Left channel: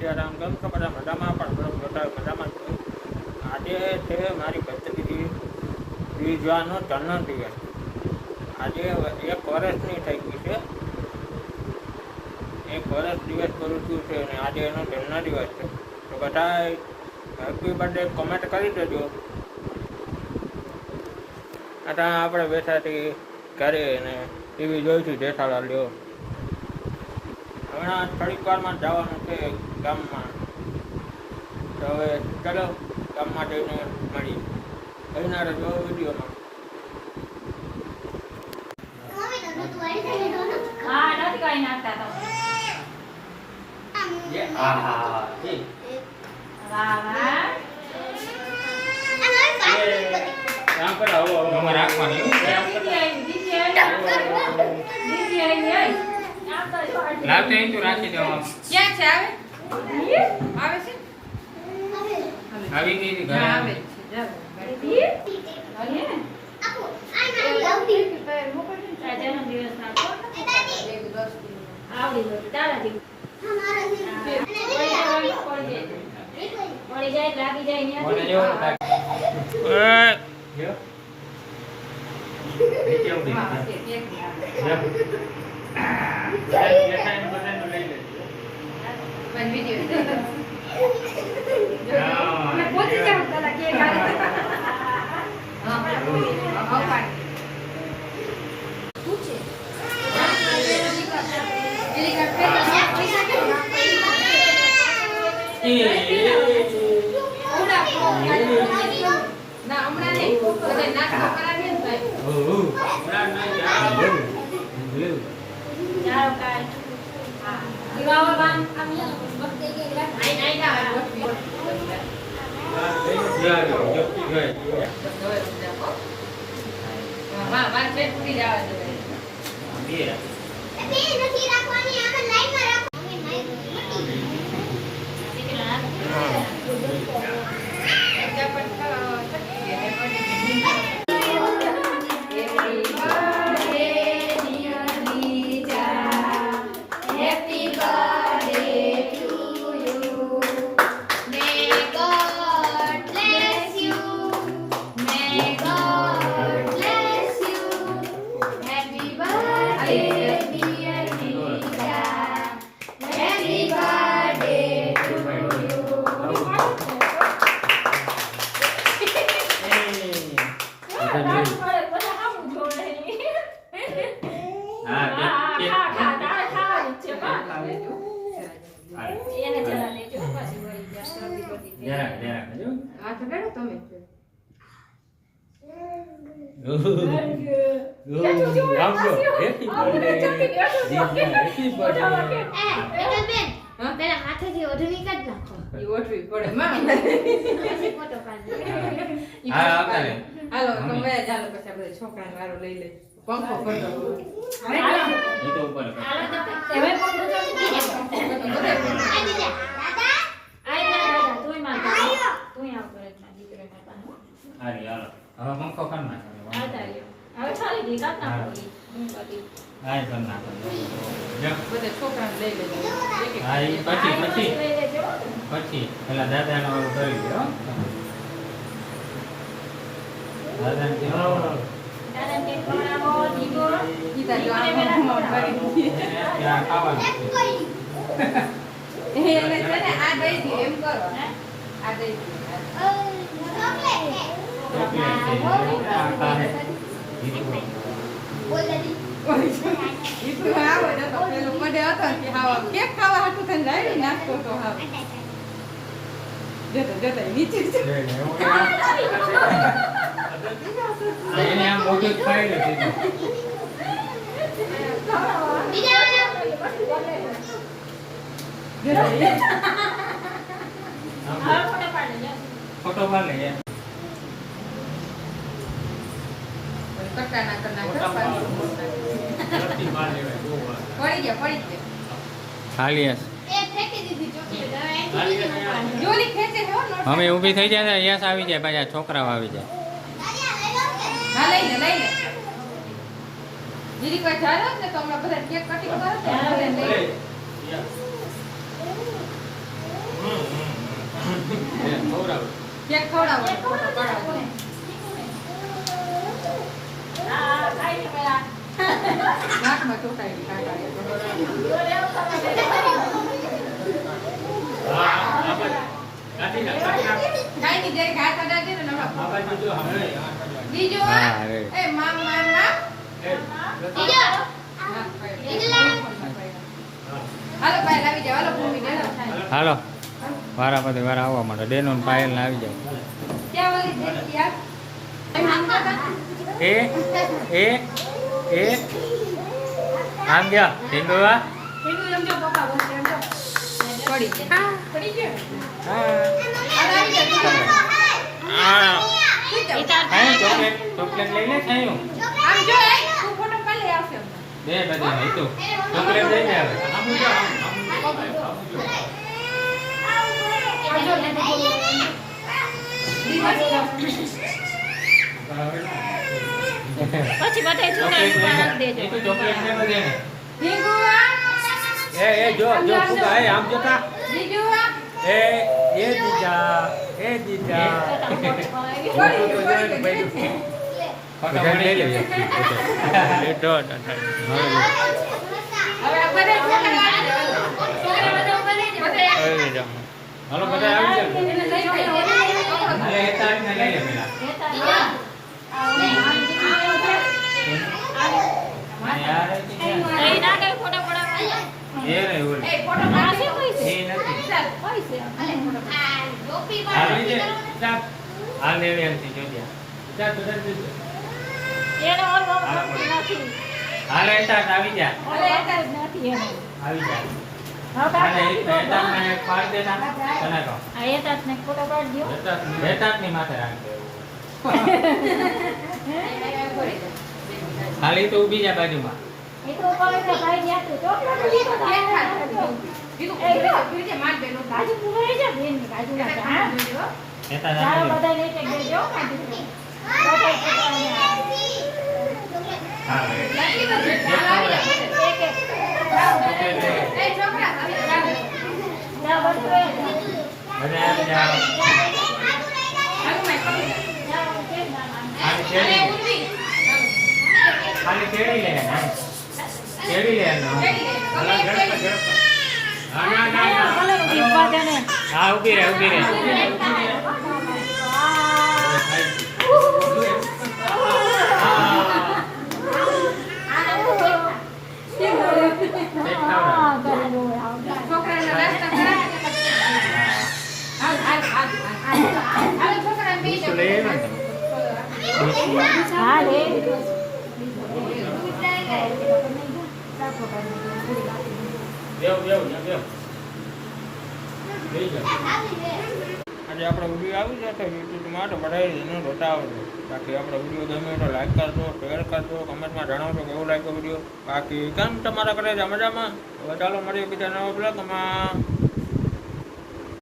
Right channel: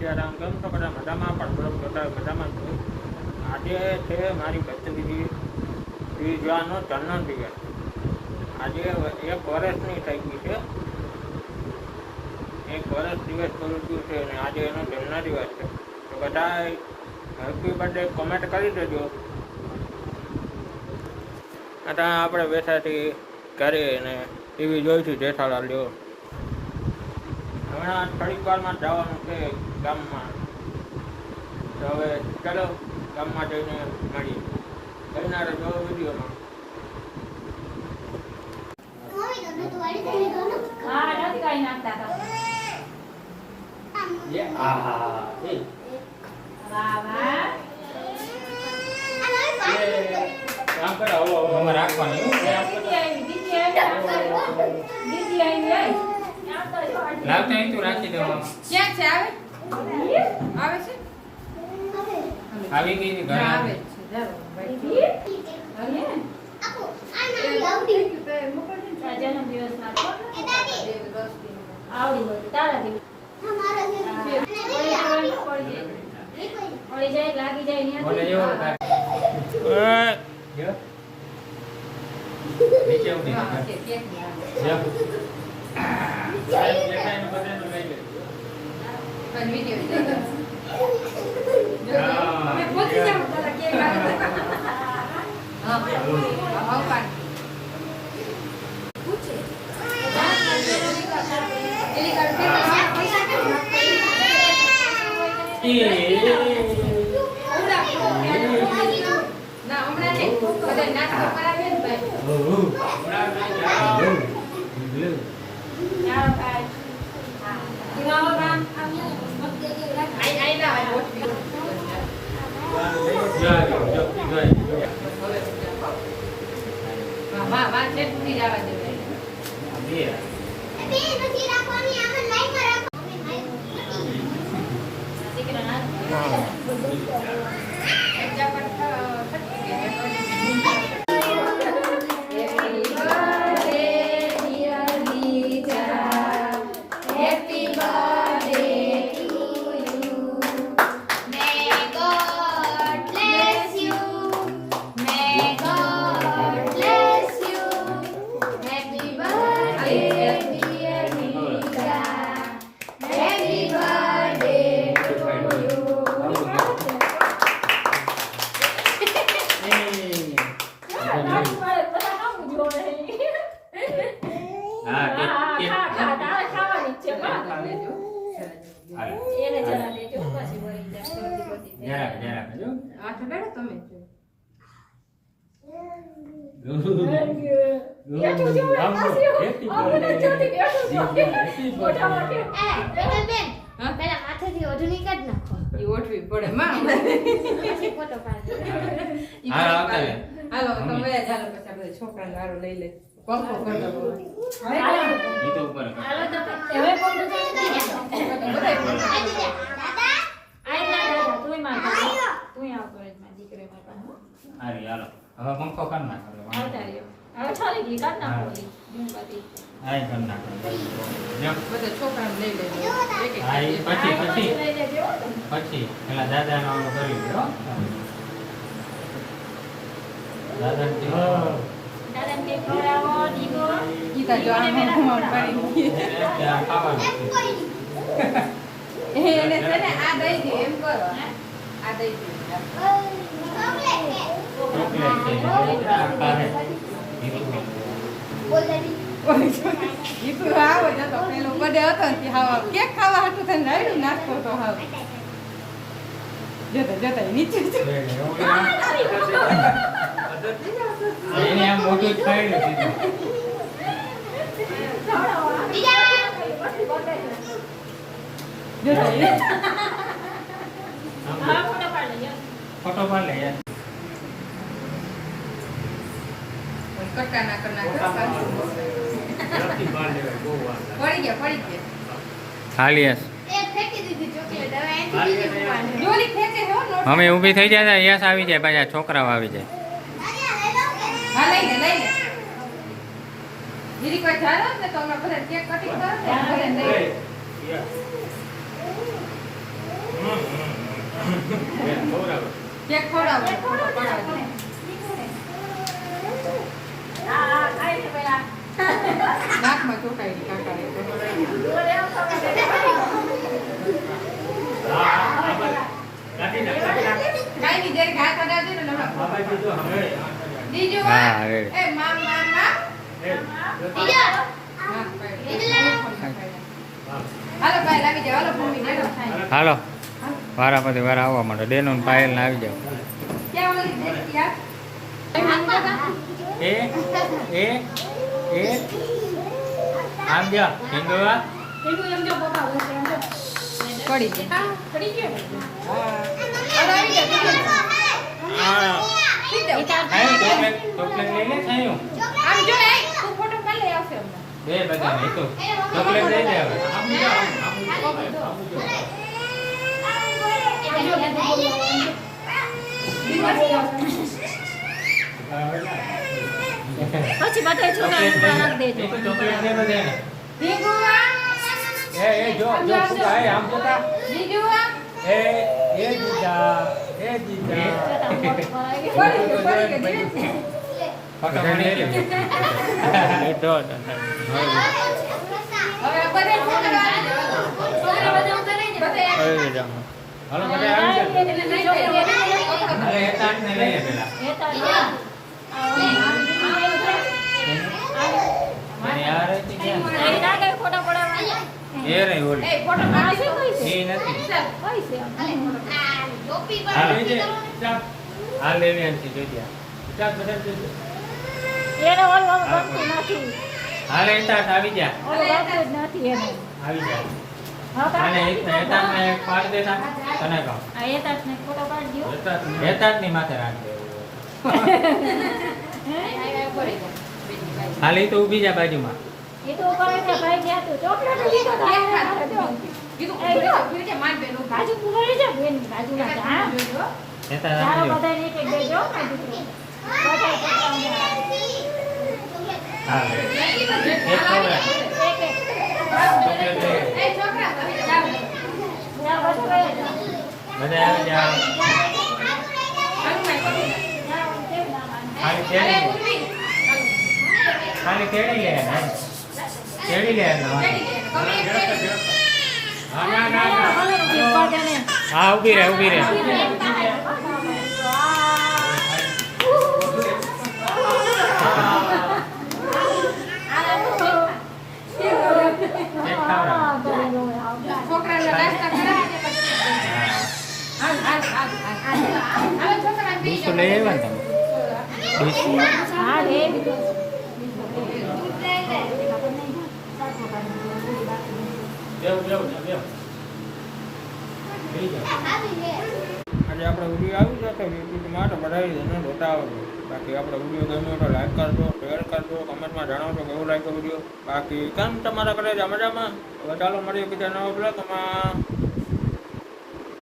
સીતારામ કેમ છો બધા મજામાં પણ બધા મજામાં છું. આજે છે મારી ભત્રીજી ત્રીજાનો જન્મદિવસ. આજે 1 વર્ષની થઈ ગઈ છે. 1 વર્ષ દિવસ કરું છું છે અને આજે એનો જન્મદિવસ છે. તો બધા હેપી બર્થડે કોમેન્ટ કરી દેજો. અત્યારે આપણે બેઠાથી ઘરે અને ટીવી જોઈશું જેઠાલાલ લ્યો. હમણાં થોડીક વારમાં જવાનું છે ગામમાં. તો હવે ચાલો ગામમાં જઈને મળી કહીનારે જો વિડીયોમાં. રાખી દો. ક્યાં છે? આવે છે? આવી ગઈ ઘરે આવે છોકરા વારો લઈ લે પંખો પછી પેલા દાદા નો કરી દો. દાદા કે ખવડાવો દીકો ઈ કા જો આને પાડી એને છે ને આ દઈ દે એમ કરો. આ દઈ દે ઈ આવે ને તો પેલો કડે હતો કે હા કેક ખાવા હાટું થઈને રાડ્યું નાખતો તો હા દેતા નીચે એને આમ મોટી ખાઈ નથી. ફોટો પાડ લે યાર. કટકા ના પડી ગયા ખાલી અમે ઊભી થઈ જાય યસ આવી જાય પાછા છોકરાઓ આવી જાય. કેક ખવડાવો નાકમાં ટૂંકાઈ ગઈ કાકાએ. કાઢી નાખ, કાઢી નાખ. કાંઈ નહીં, જરીક હાથ અડાડજો ને નવા. આ બાજુ જો, હવે બીજો હા, રેડી. એ મામ મામ મામ એ, હાલો ભાઈ લાવી જાઓ હાલો મમ્મી ને હાલો વારા પછી વારા આવવા માંડો ડેનો ને પાયલ ને આવી જાવ ક્યાં ઓલી યાર એ આમ જા ઢીંગવા પડી ગયો પડી ગયો આ આમ ચોકલેટ લઈને ખાયું જો એ તું ફોટો પાડી લઈ આવશે દે બધા નહીં તો ચોકલેટ લઈ લે હવે. પછી બધા છોકરા રાખી દેજો. એ તો ચોકલેટ ને બધાને. એ જો ફૂગા, એ આમ જોતા એ દીજા ફોટો પાડી લે લેટો અરે જામ હાલો બધા આવી જાવ અરે એ તાર ને લઈ લે પેલા મને યાર એ અહીં ના કઈ ફોટો પડાવવાનો. એ નહીં ઓલી એ નથી હા લઈ લે જા હા લે લે એમથી જોજ્યા જા તું એને ઓલું નથી. હા લે તાર આવી જા નથી એને. આવી જા હા, અને એ તમને પાડ દેના તને કહો આ એ તાસને ફોટો પાડી દ્યો. હેતાત ની માથે રાખ દે ખાલી તો ઊભી જા બાજુમાં એ તો કહે છે ભાઈ ગયા તું ચોકલેટ લીધો તો બાજુ ઉભી જા બેન બાજુ ના જા. હેતા ચાલો રાખ બધાને એક એક દેજો મારી દીકરી. બધાય છોકરાઓને હા લે એક એક. ચોકલેટ લે ના બધું લઈ જાઓ. બધા આવી જાઓ ખાલી તેડી લે તેડી લે હા ના ના હા ઊભી રહે ઊભી રહે બીજું લઈ આવ્યા ને હા રે. આજે આપણો વિડીયો આવી જતો યુટ્યુબમાં તો બધા એને બતાવજો. બાકી આપણો વિડીયો ગમે તો લાઈક કરજો, શેર કરજો, કમેન્ટમાં જણાવજો કેવું લાગ્યો વિડીયો. બાકી કેમ તમારા ઘરે મજામાં? હવે ચાલો મળીએ બીજા નવા બ્લોગમાં.